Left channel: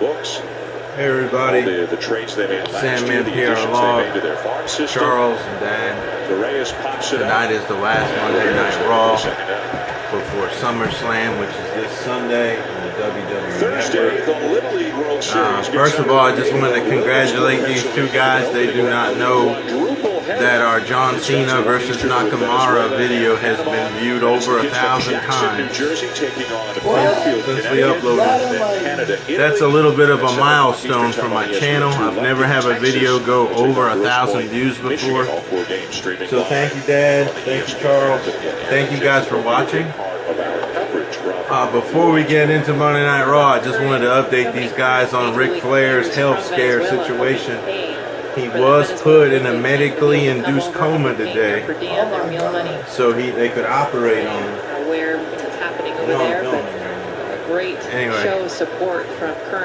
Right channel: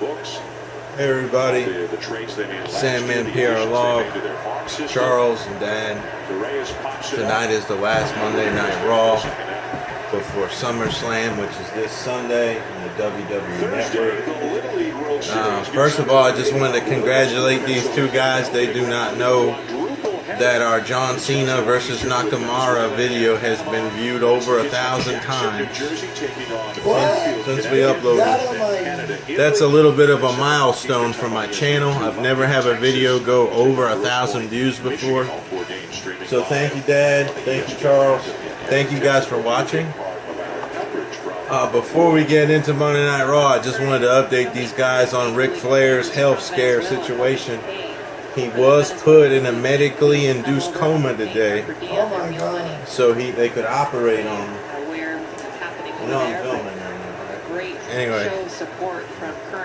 Hey everybody, Sandman Pierre Law, Charles and Dan. Tonight is the last Monday Night Raw before SummerSlam, which is this Sunday on the WWE Network. First of all, I just wanted to congratulate these two guys. They do not know that our John Cena versus Nakamura video has been viewed over 1,000 times since we uploaded. That's a little bit of a milestone for my channel. I've never had a video go over 1,000 views before. So thank you, Dad. Thank you, Charles. Thank you guys for watching. Before we get into Monday Night Raw, I just wanted to update these guys on Ric Flair's health scare situation. He was put in a medically induced coma today, so they could operate on him. Anyway,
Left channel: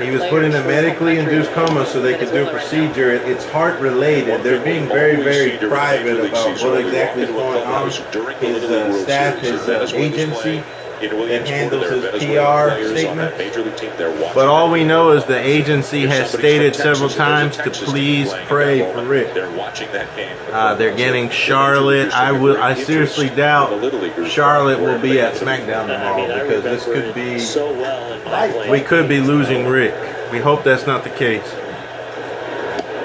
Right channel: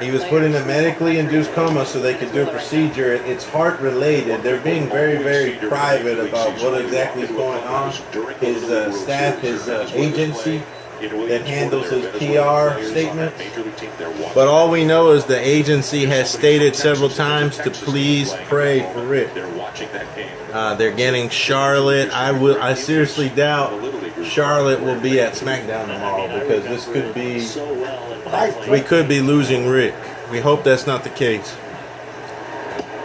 he was put in a medically induced coma so they could do a procedure. It's heart related. They're being very, very private about what exactly is going on. His staff, his agency that handles his PR statement. But all we know is the agency has stated several times to please pray for Rick. They're getting Charlotte. I seriously doubt Charlotte will be at SmackDown tomorrow, because this could be, we could be losing Rick. We hope that's not the case.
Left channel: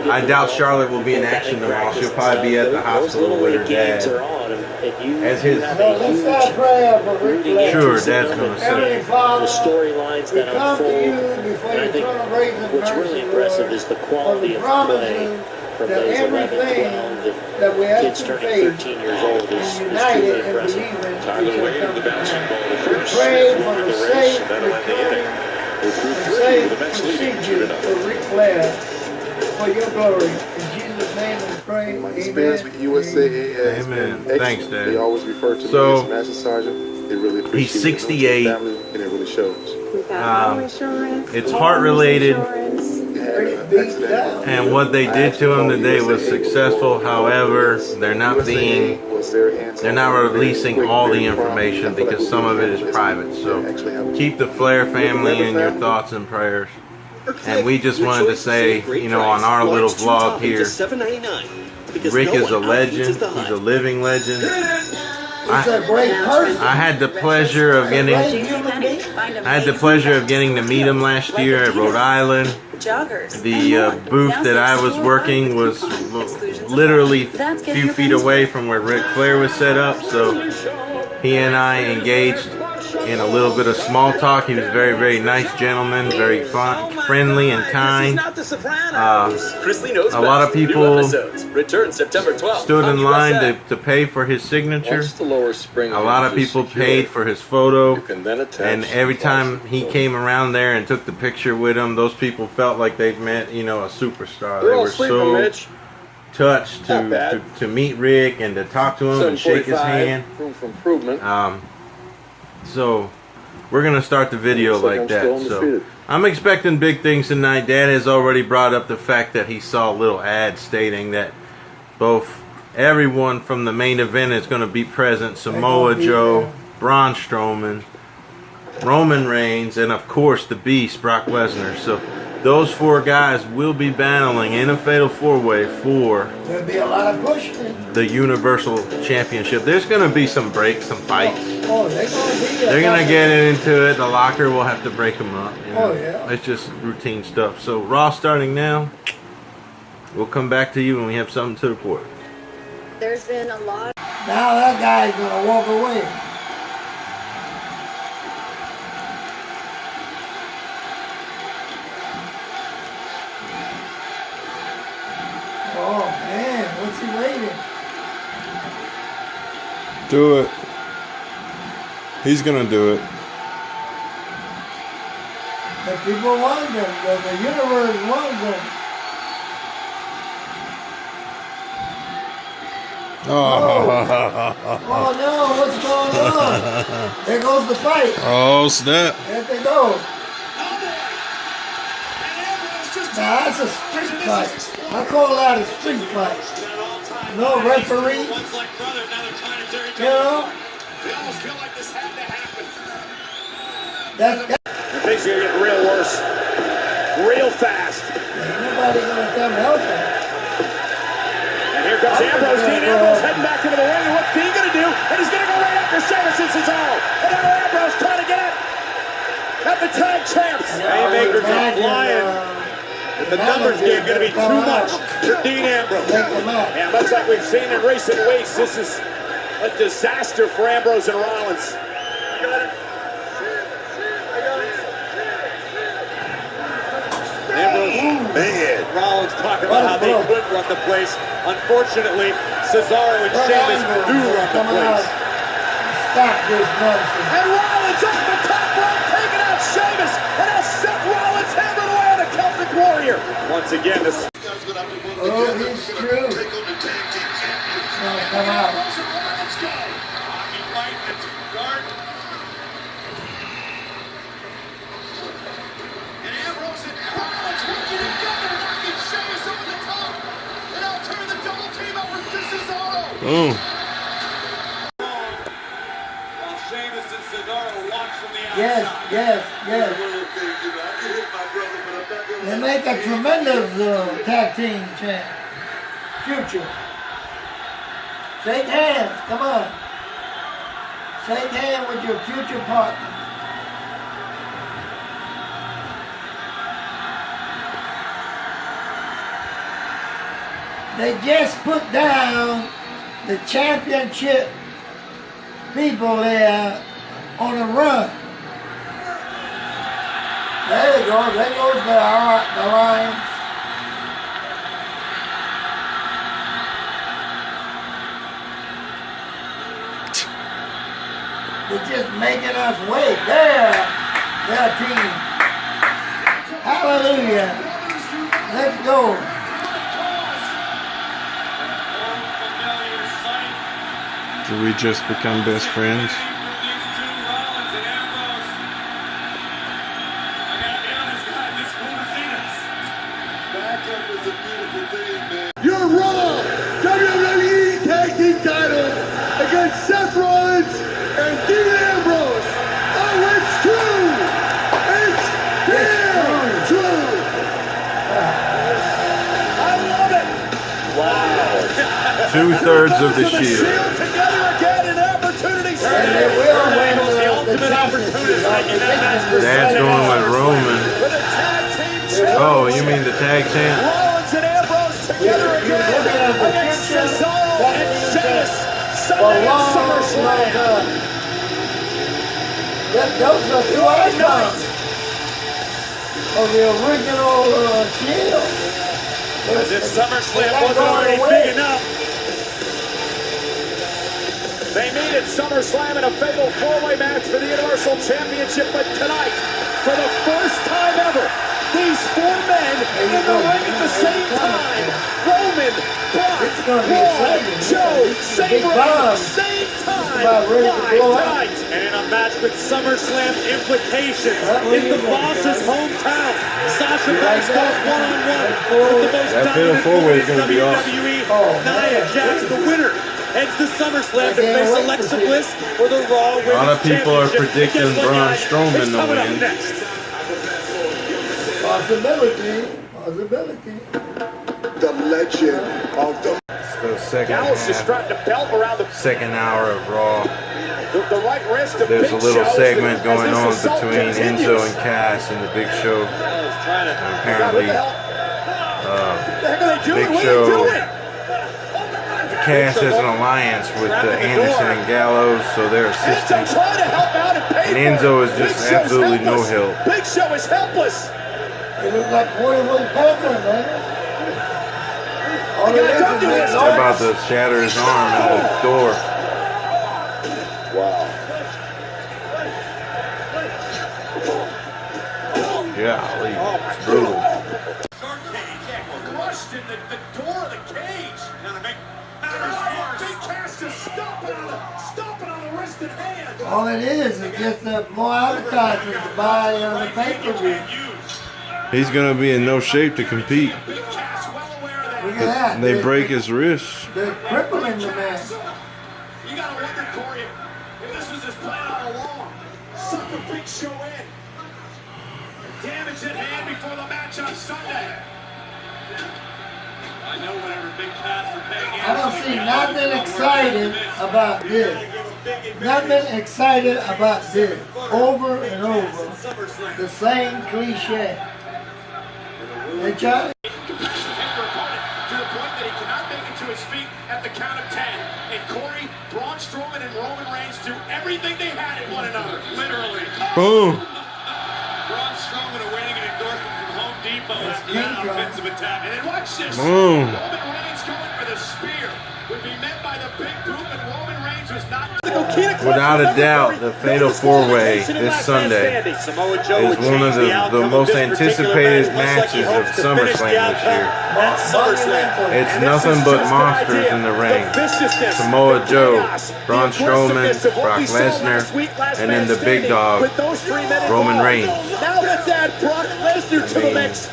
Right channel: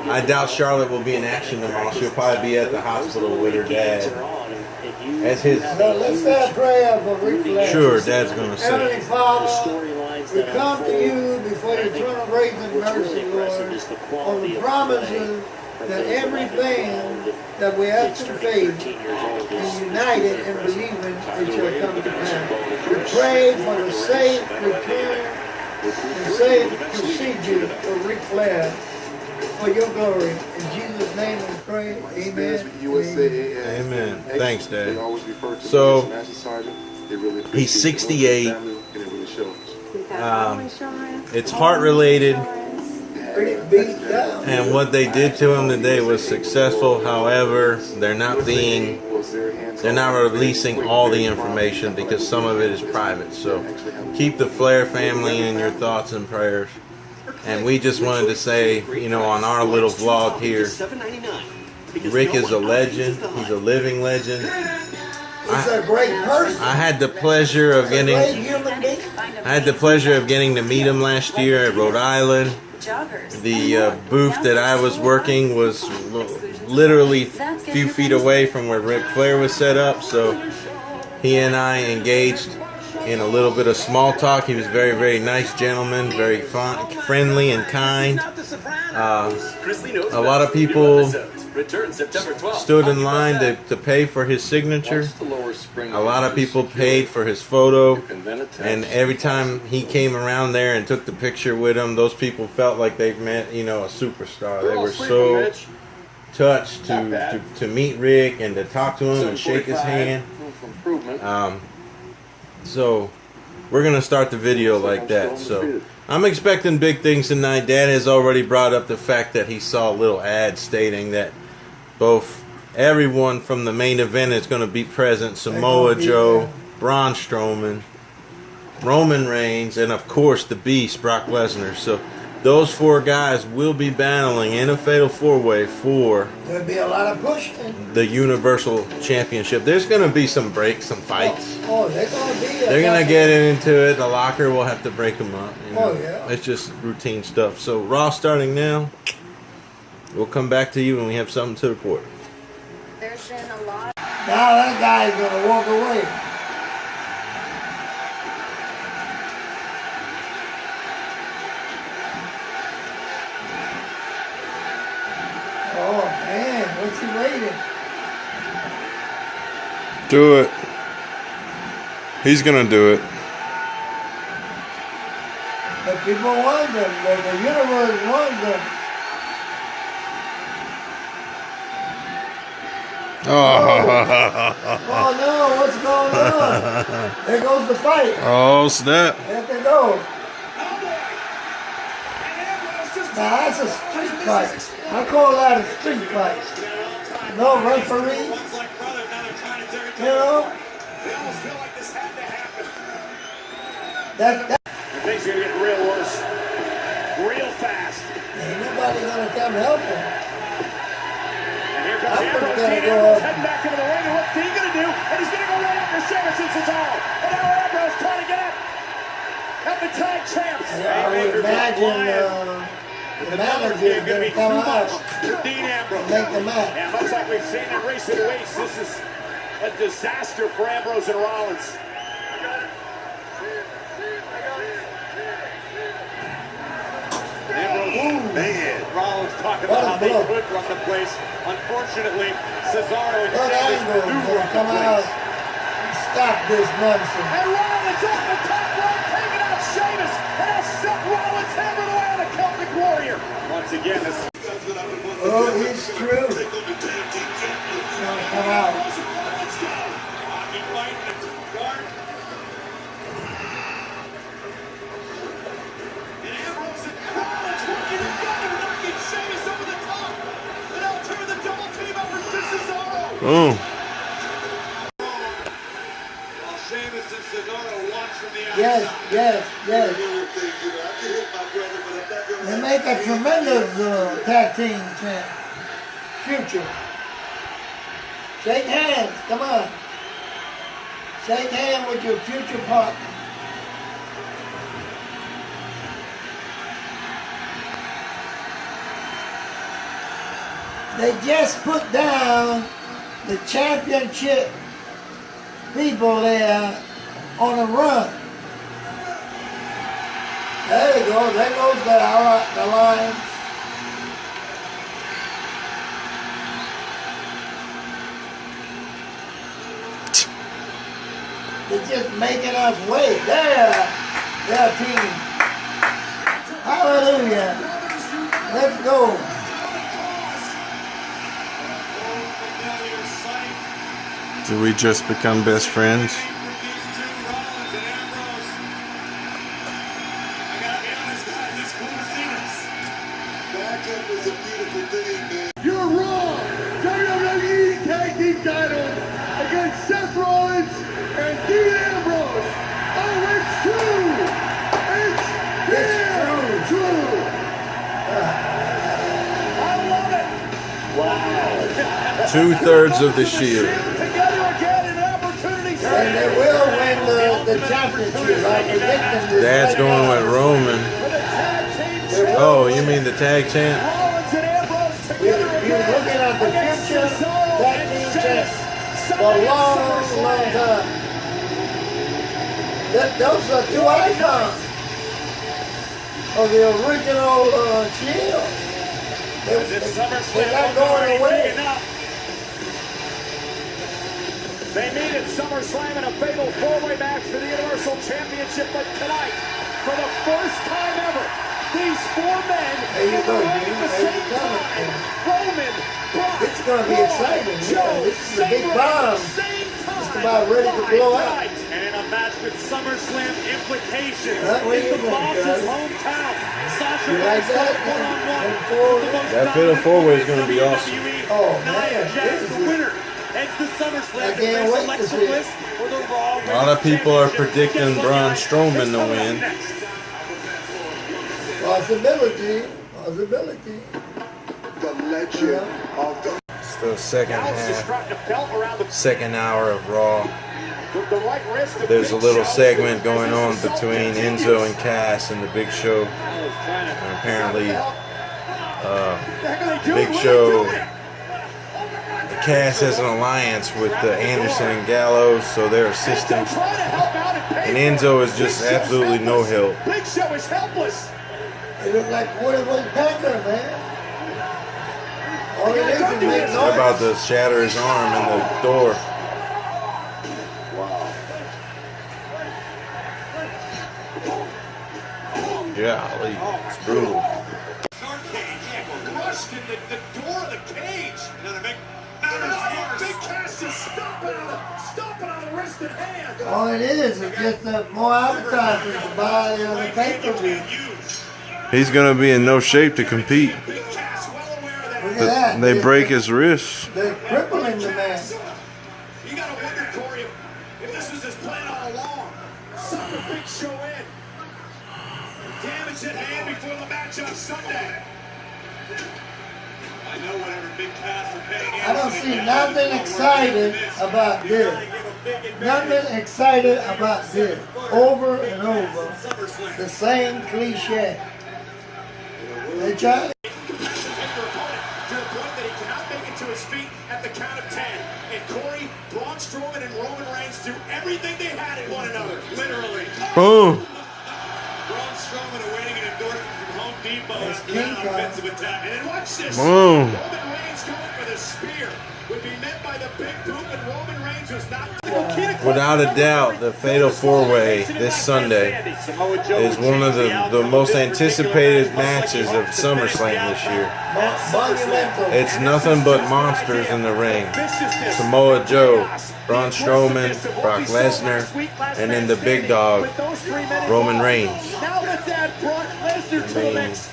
I doubt Charlotte will be in action tomorrow. She'll probably be at the hospital with her dad. As his, let's start prayer for Ric Flair. Sure, Dad's going to say. Heavenly Father, we come to you before your throne of grace and mercy, Lord, on the promises that everything that we ask in faith and united and believing, it shall come to pass. We pray for the safe return and safe procedure for Ric Flair, for your glory. In Jesus' name we pray. Amen. Amen. Thanks, Dad. So, he's 68. It's heart related. And what they did to him today was successful. However, they're not releasing all the information because some of it is private. So, keep the Flair family in your thoughts and prayers. And we just wanted to say, you know, on our little vlog here, Rick is a legend. He's a living legend. I had the pleasure of getting to meet him last year at Rhode Island. The booth that I was working was literally a few feet away from where Ric Flair was set up, so he and I engaged in a little bit of small talk. He was a very, very nice gentleman, very fun, friendly and kind. A lot of people stood in line to pay for his signature. A lot of people paid for his photo. And every time he came around there and took the picture with him, those people felt like they met, you know, a superstar. They were so touched to meet Rick and to talk to him and shake his hand. So we're going to start the video like that. So I'm expecting big things tonight. Dad has already brought up the fact that he saw a little ad stating that everyone from the main event is going to be present. Samoa Joe, Braun Strowman, Roman Reigns, and of course the Beast, Brock Lesnar. So those four guys will be battling in a fatal four-way for there'll be a lot of pushing the Universal Championship. There's going to be some breaks, some fights. They're going to get into it. The locker will have to break them up. You know? Oh, yeah. It's just routine stuff. So Raw starting now. We'll come back to you when we have something to report. There's been a lot. Now that guy's going to walk away. Oh man, what's he waiting? Do it. He's gonna do it. The people want him. The universe wants him. Oh no, what's going on? There goes the fight. Oh snap. There they go. Now that's a street fight. I call that a street fight. No referee. You know? That Things are gonna get real worse. fast. Ain't nobody gonna come help him. And here comes Ambrose. Dean Ambrose heading back into the ring. And what's Dean gonna do? And he's gonna go right after Sheamus and Cesaro. And now Ambrose trying to get at the tag champs. Haymaker's flying. The numbers game going to be too much for Dean Ambrose. And much like we've seen in recent weeks, this is a disaster for Ambrose and Rollins. Ambrose, man, Rollins talking about how they could run the place. Unfortunately, Cesaro and Sheamus do run the place. Stop this nonsense. And Rollins off the top rope, taking out Sheamus. And now Seth Rollins hammering away on the Celtic Warrior. Once again, this. Oh, he's true. He's gonna come out. Boom. Yes, yes, yes. They make a tremendous tag team champ. Future. Shake hands, come on. Shake hands with your future partner. They just put down the championship people there on a run. There you go. There goes the Lions. They're just making us wait. Their team. Hallelujah. Let's go. Did we just become best friends? Your Raw WWE Tag Team titles against Seth Rollins and Dean Ambrose. Oh, it's true! It's damn true! I love it! Wow. 2/3 of the Shield. Together again, an opportunity. And they will win the championship. Dad's going with Roman. Oh, you mean the tag champ? Rollins and Ambrose together You're again. looking at the future. That means that for a long, long time. Those are two icons of the original Shield. This SummerSlam They're not wasn't going already away. big enough. They meet at SummerSlam in a fatal four-way match for the Universal Championship, but tonight, for the first time ever, these four men in the ring at the same time. Roman, Brock, It's going to be exciting. Joe, This is a big Sabre bomb. at the same time. Just about ready to blow up. Tonight, and in a match with SummerSlam implications What in do you the think, boss's guys? hometown. Sasha You like Banks that? goes one-on-one. Four- with the most That fatal dominant four-way is woman gonna be in awesome. WWE. Oh, Nia man. Jax, the winner, heads to SummerSlam to I can't face wait to Alexa see it. Bliss for the Raw Women's A lot of people are Championship. predicting Guess what, Braun guys? Strowman It's to coming up win. next. Possibility. Possibility. The legend of the It's the second Dallas just half, strapped a belt around the second hour of Raw. right wrist of There's a Big little Show segment as going this on assault between continues. Enzo and Cass and the Big Show. And apparently, What the heck are they doing? Big What are they Show, doing? Cass has an alliance with Anderson and Gallows, so they're Enzo assisting. trying to help out and pay And for Enzo it. is just Big Show's absolutely no helpless. help. Big Show is helpless. It looks like 41 Panther, man. All it is Don't do make this. They're about noise. to shatter his arm in the door. wow. Golly, it's brutal. Rushed in the door of the cage. Now they make matters worse. Big Cass is stomping on the wrist and hand. All it is just more advertising to buy the pay-per-view. He's gonna be in no shape to compete. Big Cass well aware of that. Look at that. They break his wrist. They're crippling the man. You gotta wonder, Corey, if this was his plan all along. Suck the Big Show in. Damage at hand before the match on I don't see nothing excited about this. Nothing excited about this. Over and over, the same cliche. Hey, Charlie? To the point that he cannot make it to his feet at the count of 10. And Corey, Braun Strowman, and Roman Reigns do everything they had in one another, literally. Boom. Braun Strowman awaiting an endorsement from Home Depot after that offensive attack. And then watch this. Boom. Roman Reigns going for the spear would be met by the big boot, and Roman Reigns was not. Without a doubt, the Fatal 4-Way this Sunday is one of the most anticipated matches of SummerSlam this year. It's nothing but monsters in the ring. Samoa Joe, Braun Strowman, Brock Lesnar, and then the big dog, Roman Reigns.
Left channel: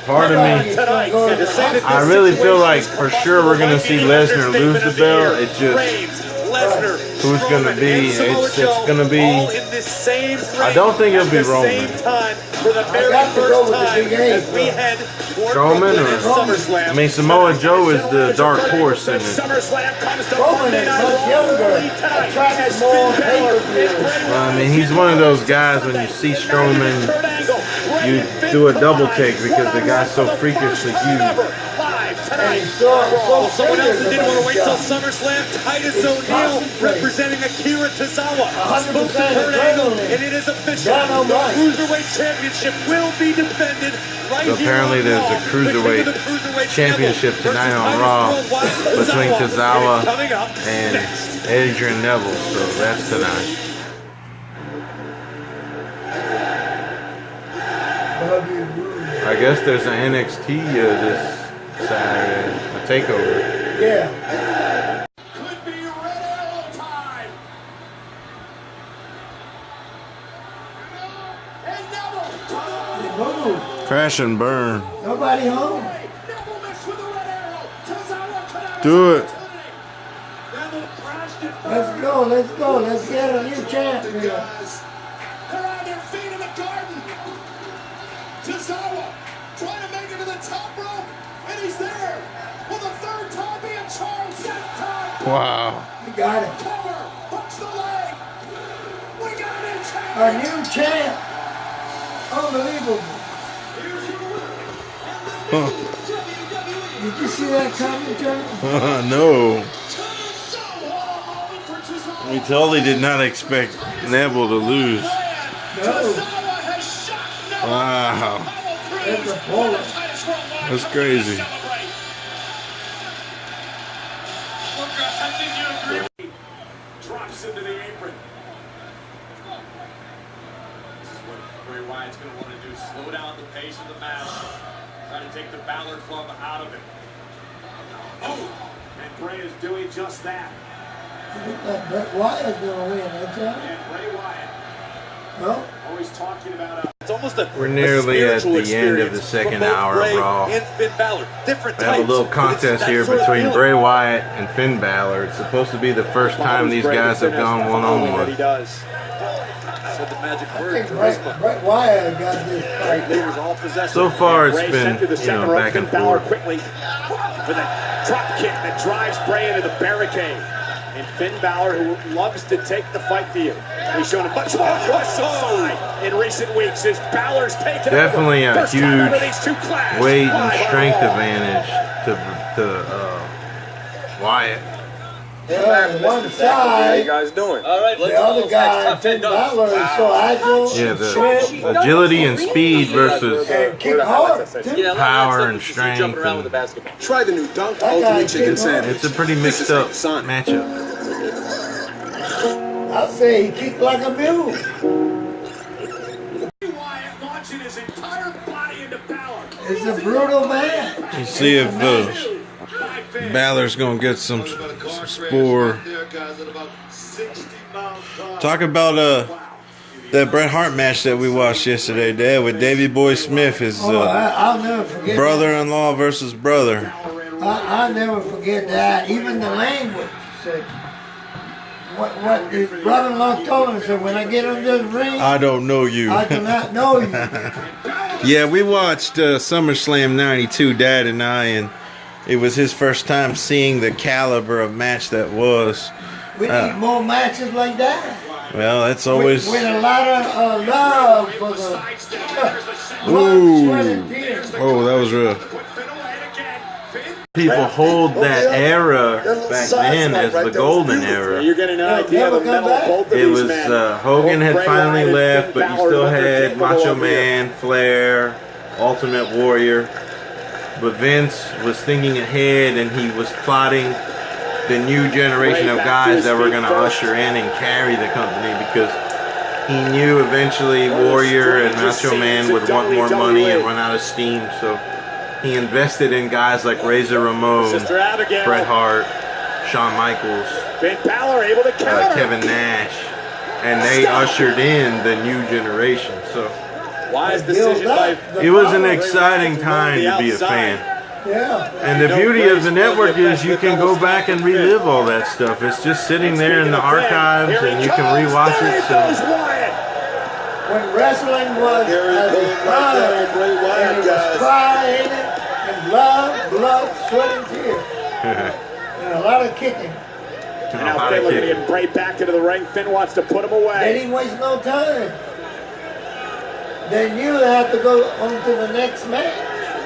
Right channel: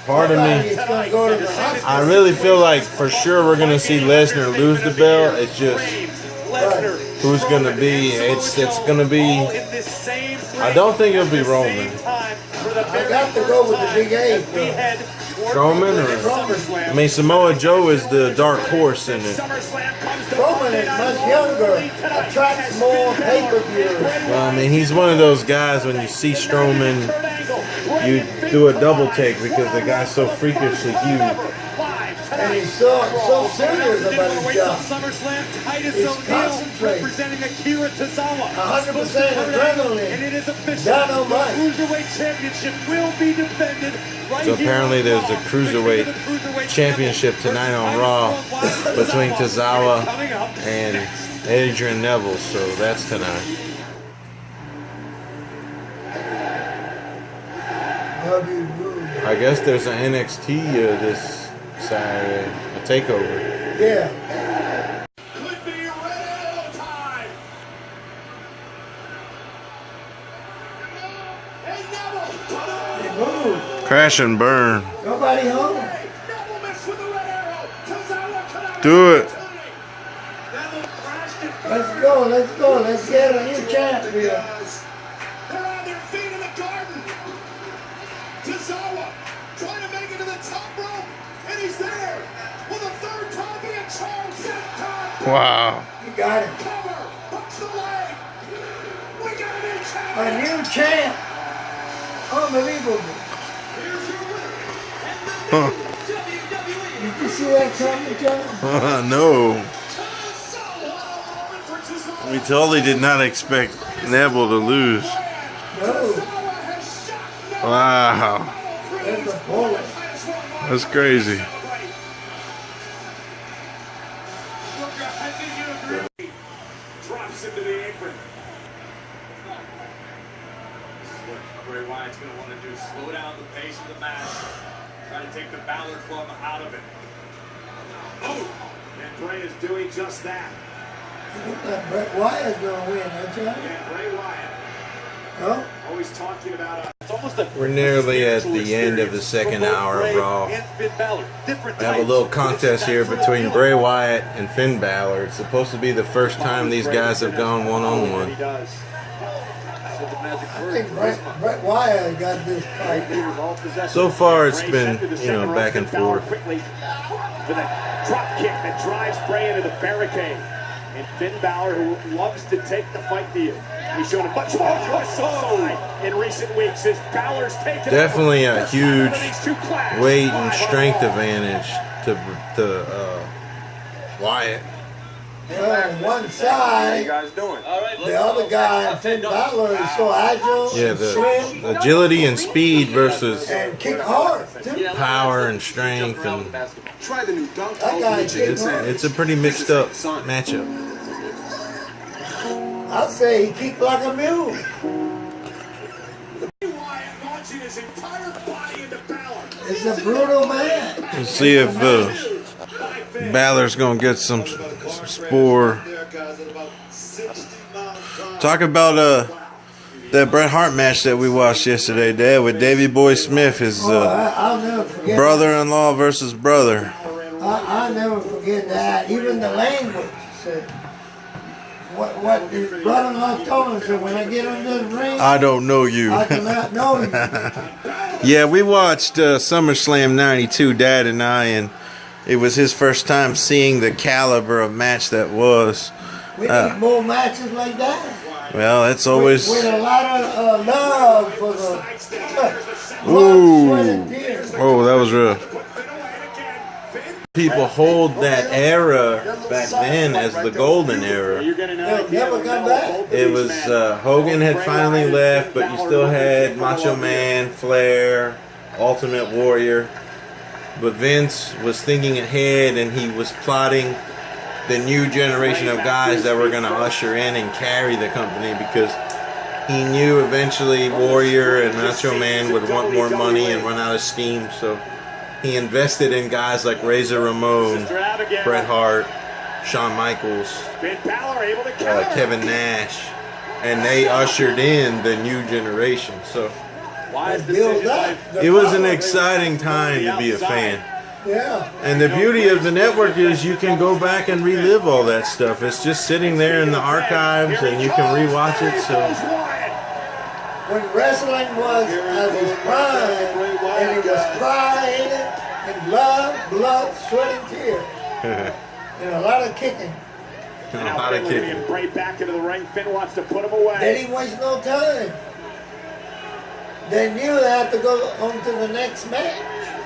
Part of me, I really feel like for sure we're going to see Lesnar lose the belt. It's just who's going to be. It's going to be. I don't think it'll be Roman. I got to go with the big A. Strowman or I mean Samoa Joe is the dark horse in it. Strowman is much younger, attracts more pay-per-views. Well, I mean he's one of those guys when you see Strowman, you do a double take because the guy's so freakishly huge. And he's so serious about his job. SummerSlam, Titus He's O'Neil concentrated. representing Akira Tozawa. 100% adrenaline. And it is official. Down on The right. Cruiserweight Championship will be defended right So apparently here on there's a Raw. Cruiserweight The Cruiserweight Championship tonight on Raw between Tozawa and Adrian Neville. So that's tonight. Bobby Roode. I guess there's an NXT this Saturday, a takeover. Yeah. Could be Red Arrow time. Hey, Neville. They moved. Crash and burn. Nobody home. Neville mixed with the Red Arrow. Tozawa could have Do it. Neville crashed it. Let's go, let's go. Let's get a new champ here. They're on their feet in the garden. Tozawa trying to make it to the top rope, and he's there. Will the third time be a charm? Second time. Wow. You got it. Cover. Punch the leg. We got a new champ. A new champ. Unbelievable. Huh. Did you see that coming, John? No. We totally did not expect Neville to lose. No. Wow. That's a bullet. That's crazy. Drops into the apron. This is what Bray Wyatt's going to want to do. Slow down the pace of the match. Try to take the Balor Club out of it. Oh! And Bray is doing just that. It looks like Bret Wyatt's going to win, that John? And Bray Wyatt, No? always talking about it's almost a We're nearly at the end of the second hour of Raw. I have a little contest here between Bray Wyatt and Finn Balor. It's supposed to be the first time these guys have gone one-on-one. I think Bret Wyatt got this fight. So far, it's been, back and forth. With a drop kick that drives Bray into the barricade. And Finn Balor, who loves to take the fight to you. He's shown a much more side in recent weeks as Balor's taken Definitely a First time huge ever these two clash. weight and strength advantage to Wyatt. On one side, guys doing? the other guy, Finn Balor, is so agile, Yeah, and the swift, agility and speed versus and kick hard, too. power and strength. And Try the new dunk. That guy kick hard. it's a pretty mixed up matchup. I'd say he kicked like a mule. Wyatt launching his entire body into Balor. It's a brutal man. Let's see if Balor's gonna get some spore. Talk about that Bret Hart match that we watched yesterday, Dad, with Davey Boy Smith, his I'll never forget brother-in-law versus brother. I'll never forget that. Even the language. Said, what his brother-in-law told him. So when I get in this ring, I don't know you. I cannot know you. Yeah, we watched SummerSlam 92, Dad and I, and it was his first time seeing the caliber of match that was. We need more matches like that. Well, that's always... With a lot of love for the... Ooh. Oh, that was rough. People hold that era back then as the golden era. It was Hogan had finally left, but you still had Macho Man, Flair, Ultimate Warrior. But Vince was thinking ahead, and he was plotting the new generation of guys that were going to usher in and carry the company, because he knew eventually Warrior and Macho Man would want more money and run out of steam. So he invested in guys like Razor Ramon, Bret Hart, Shawn Michaels, Kevin Nash, and they ushered in the new generation. So it was an exciting time to be a fan. Yeah. And the beauty of the network is you can go back and relive all that stuff. It's just sitting there in the archives, and you can rewatch it. So when wrestling was at its prime, and it was pride in it, and blood, sweat, and tears, and a lot of kicking. A lot of kicking. Right back into the ring. Finn wants to put him away. They didn't waste no time. They knew they had to go on to the next match.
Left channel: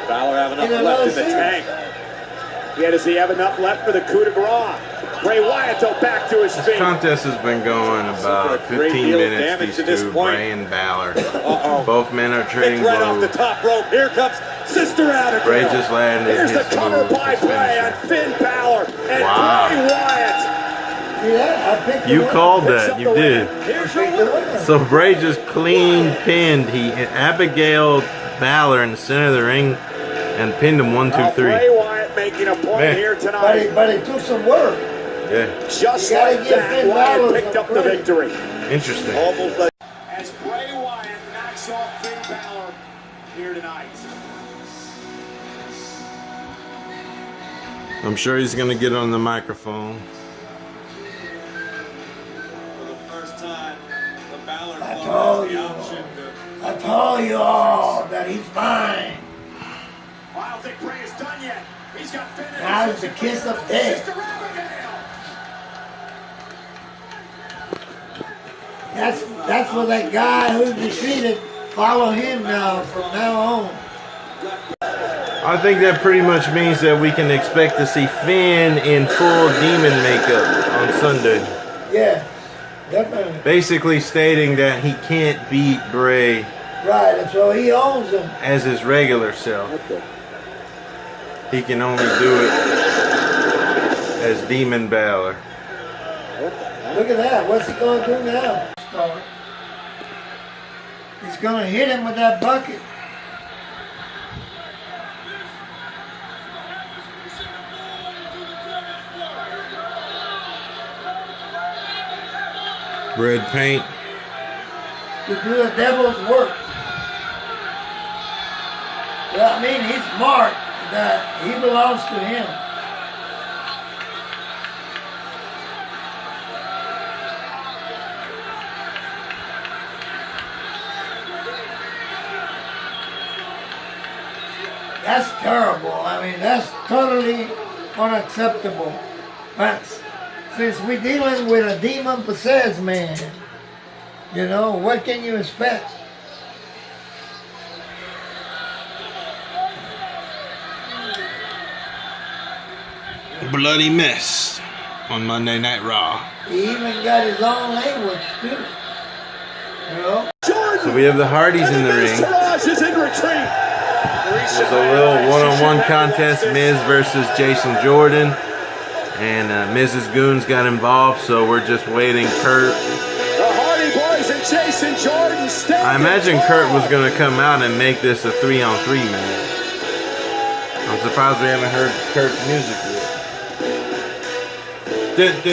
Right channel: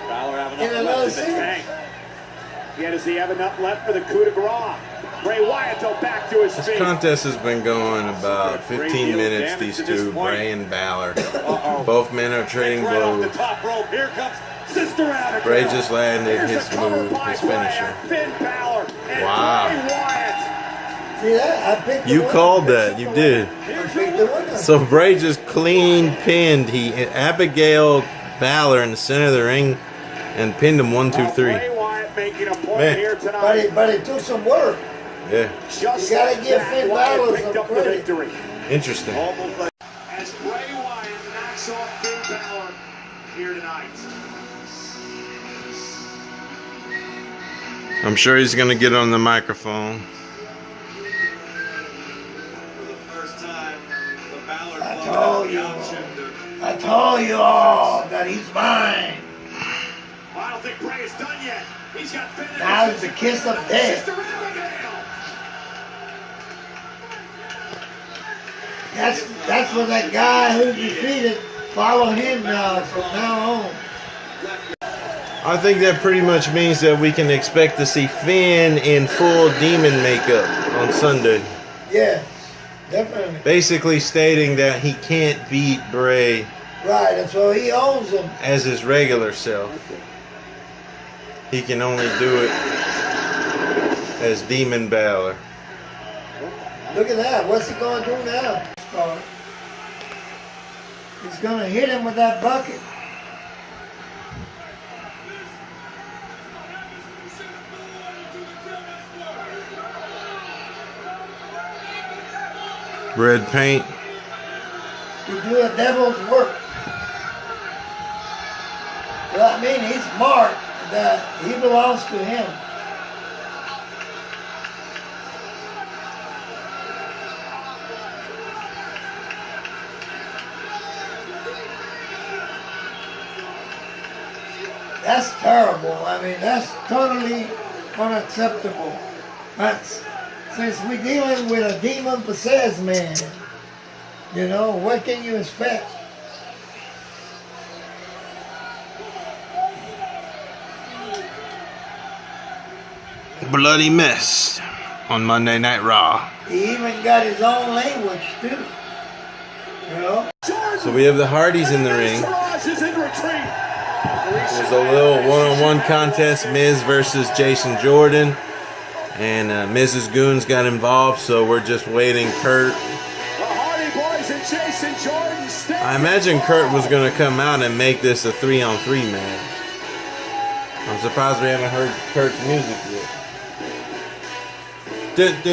Balor have enough left in the tank. Yet does he have enough left for the coup de grace? Bray Wyatt though back to his feet. This contest has been going about 15 minutes, these two, Bray and Balor. Both men are trading blows. Here comes Sister Abigail. Bray just landed his move, his finisher. Finn Balor and wow. Bray Wyatt. Yeah, I picked the You winner. called that, you did. I picked the winner. So Bray just clean pinned. He Abigail Balor in the center of the ring and pinned him 1, 2, 3. Bray Wyatt making a point Man. here tonight. But it took some work. Yeah. Just You gotta like give that, Finn Wyatt Balor picked some up the credit. victory. Interesting. As Bray Wyatt knocks off Finn Balor here tonight. I'm sure he's going to get on the microphone. I told you all that he's mine. I don't think Bray is done yet. He's got Finn. Now it's the kiss of death. That's for that guy who defeated. Follow him now from now on. I think that pretty much means that we can expect to see Finn in full demon makeup on Sunday. Yeah, definitely. Basically stating that he can't beat Bray Right, and so he owns him. as his regular self. He can only do it as Demon Balor. Look at that. What's he going to do now? He's going to hit him with that bucket. Red paint. To do the devil's work. Well, I mean, he's marked that he belongs to him. That's terrible. I mean, that's totally unacceptable. That's, since we're dealing with a demon-possessed man, you know, what can you expect? Bloody mess on Monday Night Raw. He even got his own language, too. You know? So we have the Hardys in the ring. It was a little one-on-one contest, Miz versus Jason Jordan. And Mrs. Goons got involved, so we're just waiting. Kurt. I imagine Kurt was going to come out and make this a 3-on-3 match. I'm surprised we haven't heard Kurt's music yet. Nope, So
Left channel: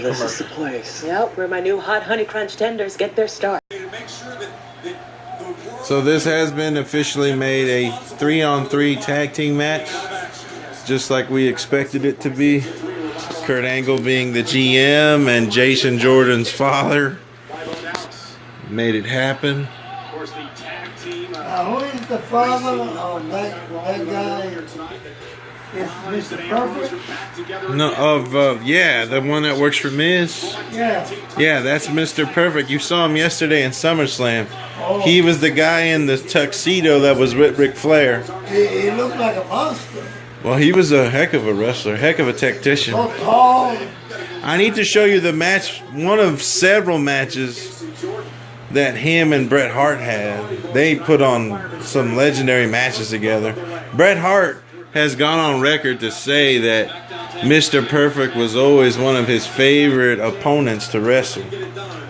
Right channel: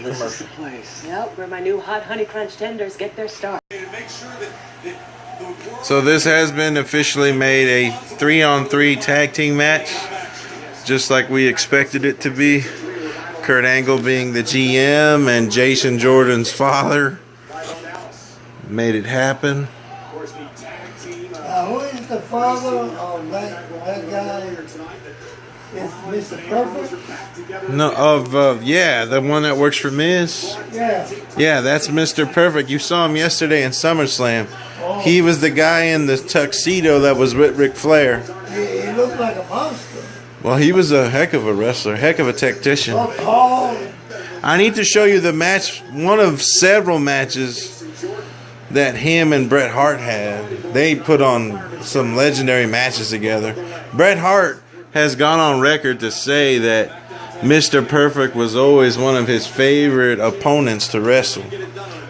this is the place. Yep, where my new hot honey crunch tenders get their start. So this has been officially made a 3-on-3 tag team match, just like we expected it to be. Kurt Angle being the GM and Jason Jordan's father made it happen. Who is the father of that guy? Is Mr. Perfect? No, yeah, the one that works for Miz. Yeah. Yeah, that's Mr. Perfect. You saw him yesterday in SummerSlam. Oh. He was the guy in the tuxedo that was with Ric Flair. He looked like a monster. Well, he was a heck of a wrestler, heck of a tactician. So tall. I need to show you the match, one of several matches that him and Bret Hart had. They put on some legendary matches together. Bret Hart has gone on record to say that Mr. Perfect was always one of his favorite opponents to wrestle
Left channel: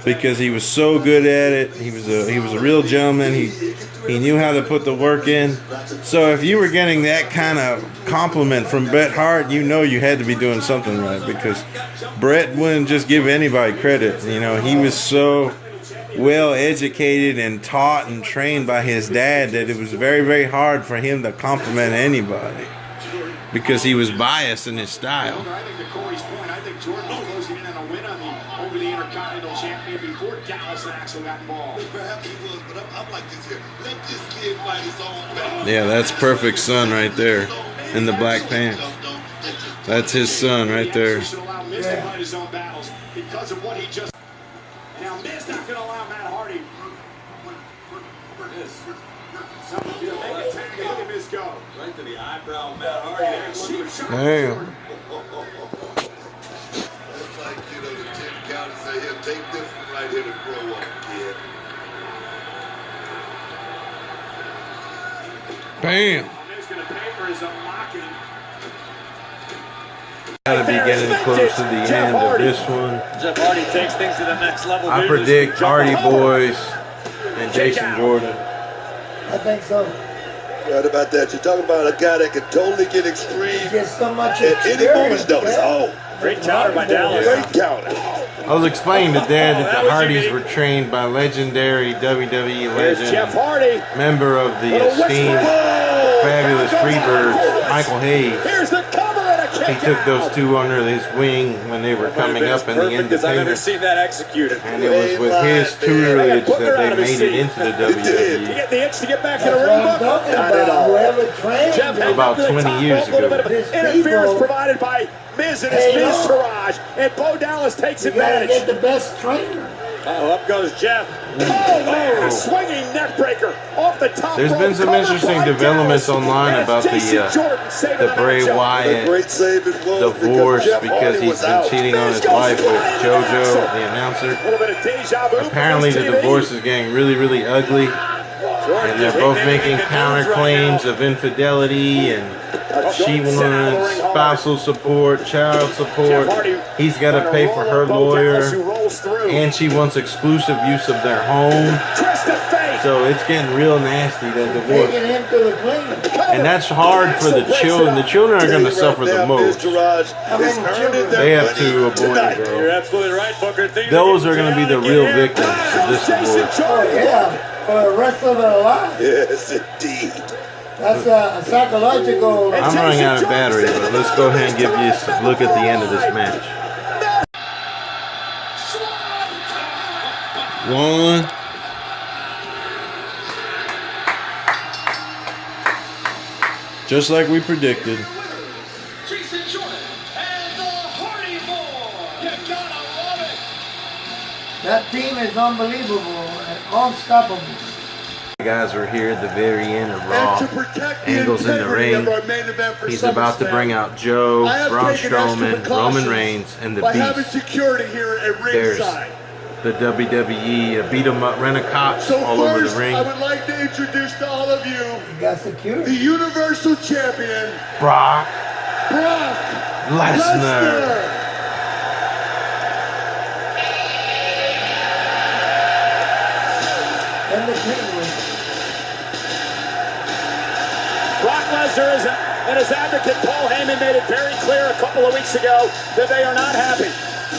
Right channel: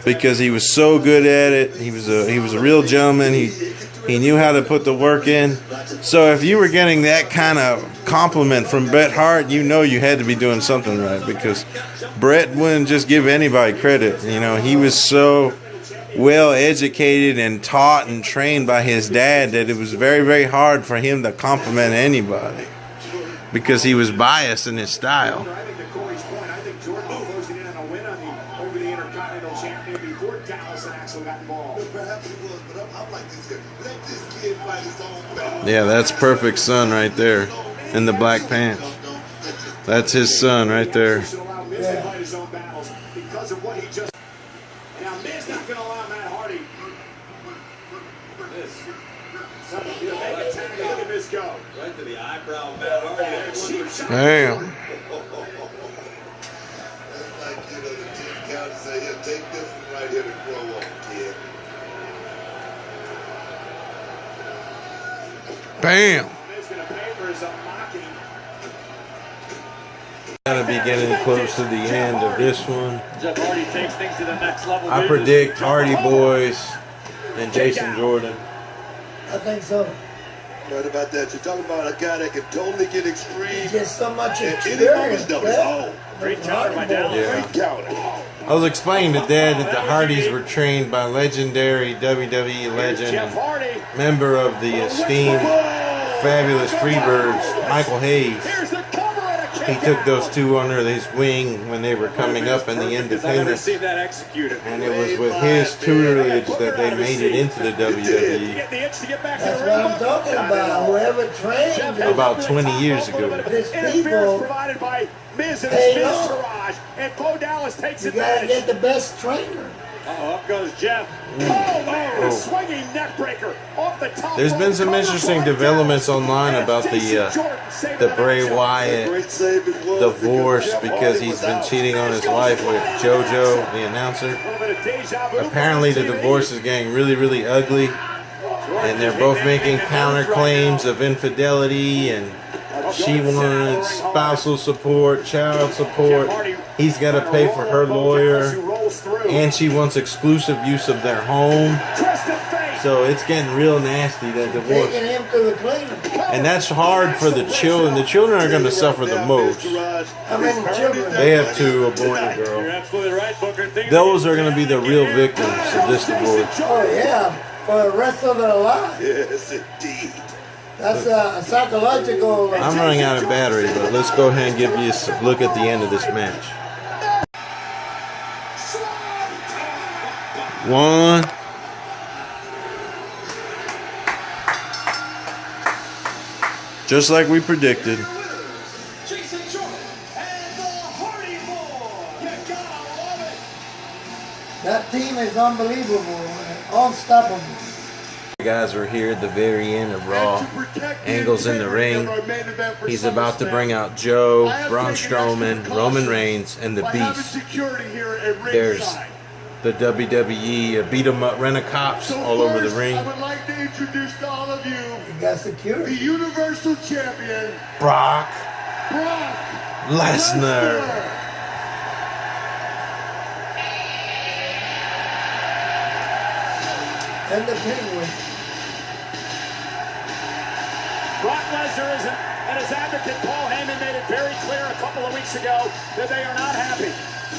because he was so good at it. He was a real gentleman. He knew how to put the work in. So if you were getting that kind of compliment from Bret Hart, you know you had to be doing something right, because Bret wouldn't just give anybody credit. You know, he was so well educated and taught and trained by his dad that it was very, very hard for him to compliment anybody because he was biased in his style. I think to Corey's point, I think Jordan was closing in on a win over the Intercontinental Champion before Dallas and Axel got involved. Perhaps he was, but I'm like this here. Let this kid fight his own battle. Yeah, that's Perfect's son right there in the black pants. That's his son right there. Should allow Miz to fight his own battles because of what he just. Now Miz not going to allow Matt Hardy. Look at this go. Right to the eyebrow, Matt Hardy. Damn. It's like, you know, the 10 count and say, here, take this one right here to grow up, kid. Bam. Miz going to pay for his own mocking. Gotta be getting close to the end of this one. Jeff Hardy takes things to the next level. I predict Hardy Boys and Jason Jordan. I think so. Right about that. You're talking about a guy that can totally get extreme. He gets so much At any moment, experience. notice. Oh, Great counter by Dallas. Yeah. great counter. I was explaining to Dad that the Hardys were trained by legendary WWE Here's Jeff legend, Hardy. member of the esteemed Fabulous Freebirds, Michael Hayes. Here's the cover and a kick He took out. those two under his wing when they were coming up in the Because I've never Independence, seen that executed. and it was with his tutelage that they made it into the You WWE get the itch to get back to the That's ring. what I'm talking about. Whoever trained Jeff him. about 20 years ago. This Interference people, provided by Miz and Hey, his Miz no. Taraj, and Bo Dallas takes you gotta advantage. get the best trainer. Oh, up goes Jeff. Oh, man, Oh. a swinging neck breaker off the top. There's been some interesting developments online about the Bray Wyatt Great save it was divorce Jeff because Hardy he's was been out. cheating on his wife with JoJo, the announcer. A little bit of deja vu. Apparently the divorce is getting really, really ugly, and they're both making counterclaims of infidelity, and she wants spousal support, child support. He's got to pay for her lawyer, and she wants exclusive use of their home. So it's getting real nasty, that divorce. Taking him to the cleaner. And that's hard for the children. The children are going to suffer the most. How many children? They have to abort a You're girl. absolutely right, Booker. Those are going to be the real victims of this divorce. Oh yeah, for the rest of their life. Yes, indeed. That's a psychological. I'm running out of battery, but let's go ahead and give you a look at the end of this match. 1. Just like we predicted. Jason Jordan and the Hardy Boys. You gotta love it. That team is unbelievable and unstoppable. Guys, we're here at the very end of Raw. Angle's in the ring. He's about to bring out Joe, Braun Strowman, Roman Reigns, and the Beast. There's the WWE beat 'em up rent-a-cops all over the ring. I would like to introduce to all of you You got the security. Universal Champion, Brock Brock Lesnar. And the Penguin. Brock Lesnar and his advocate Paul Heyman made it very clear a couple of weeks ago that they are not happy.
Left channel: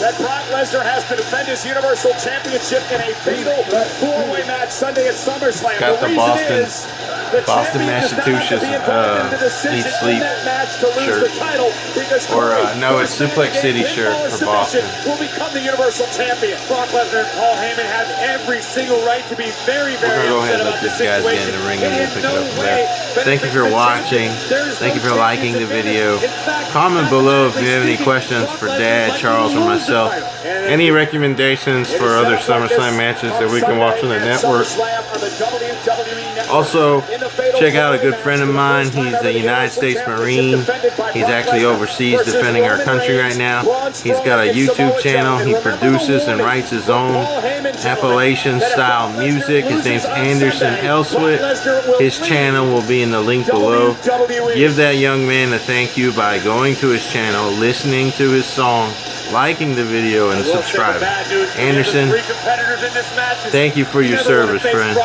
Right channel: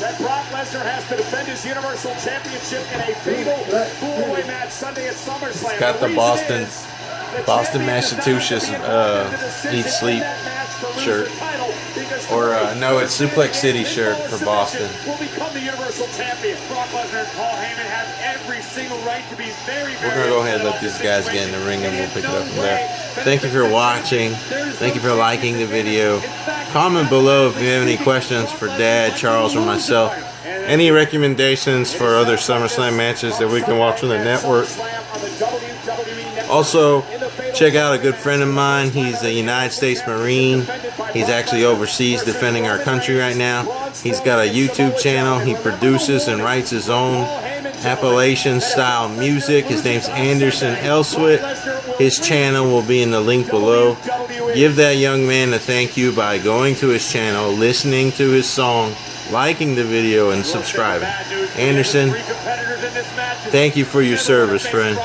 That Brock Lesnar has to defend his Universal Championship in a fatal four-way match Sunday at SummerSlam. Got the reason Boston is Boston, Massachusetts Eat Sleep shirt. Or no, it's Suplex City shirt for Boston. Will become the Universal Champion. Brock Lesnar and Paul Heyman have every single right to be very, very. We're gonna go ahead and let these guys get in the ring, and we'll pick it up from there. Thank you for watching. Thank you for liking the video. Comment below if you have any questions for Dad, Charles, or myself. Any recommendations for other SummerSlam matches that we can watch on the network. Also, check out a good friend of mine. He's a United States Marine. He's actually overseas defending our country right now. He's got a YouTube channel. He produces and writes his own Appalachian style music. His name's Anderson Elswit. His channel will be in the link below. Give that young man a thank you by going to his channel, listening to his song, liking the video, and subscribing. Anderson, thank you for your service, friend.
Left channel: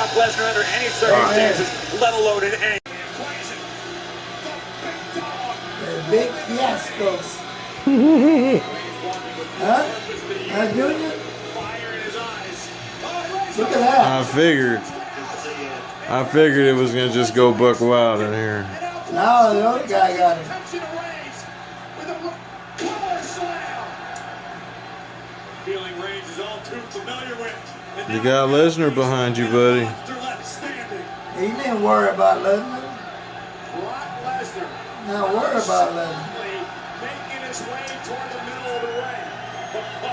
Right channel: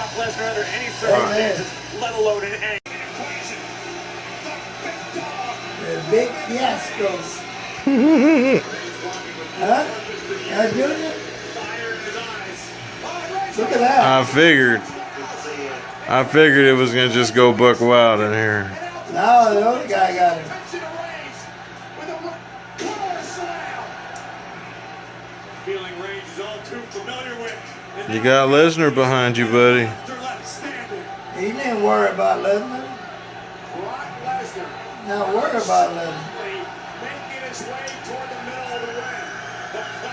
The big fiasco. Huh? Not doing it? Look at that. I figured it was gonna just go buck wild in here. Now the other guy got him. You got Lesnar behind you, buddy. He didn't worry about Lesnar. Not worry about Lesnar. Making his way toward the middle of the ring.